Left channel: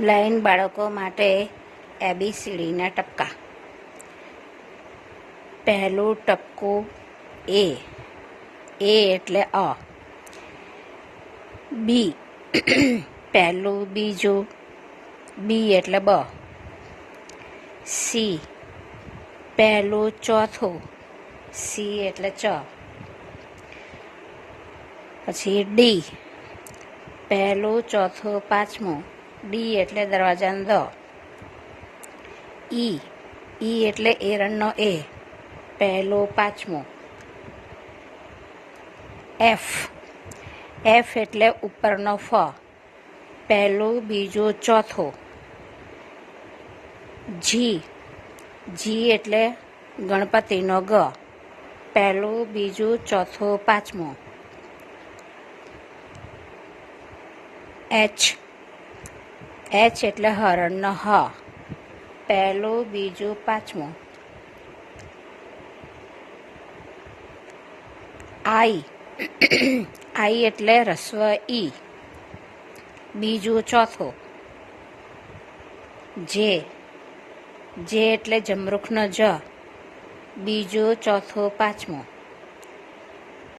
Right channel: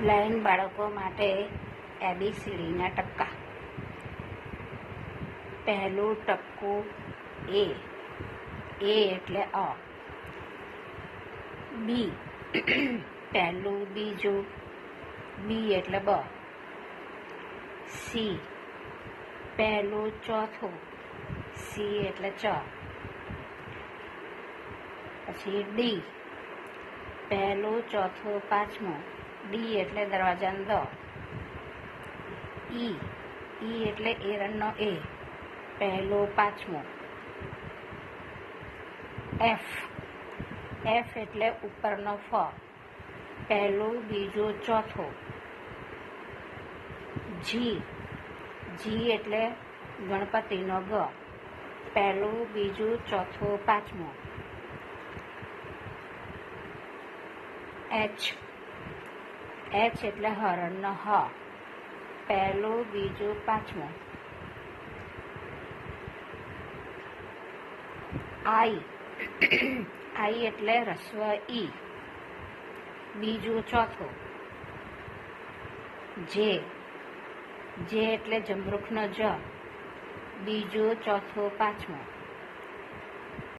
Blind બાળકો માટે ABCDના ટપકા. પહેલું ટપકું A. A એટલે અ. બી પહેલું બીજું બી એટલે બ. સી પહેલું ચોથું સી એટલે ચ. પછી ડી પહેલું ચોથું પાંચમું ડી એટલે દરવાજાનો દ. ઈ ઈ એટલે એરણનો એ પહેલું પાંચમું. એફ એફ એટલે ઉપરનો ફ પહેલું બીજું ચોથું. જી જી એટલે ગણપતિનો ગ પહેલું બીજું ચોથું પાંચમું. એચ એચ એટલે હરણનો હ પહેલું બીજું પાંચમું. આઈ આઈ એટલે રસ્વ ઈ બીજું ચોથું. જે જે એટલે જમરૂખનો જ બીજું ચોથું પાંચમું.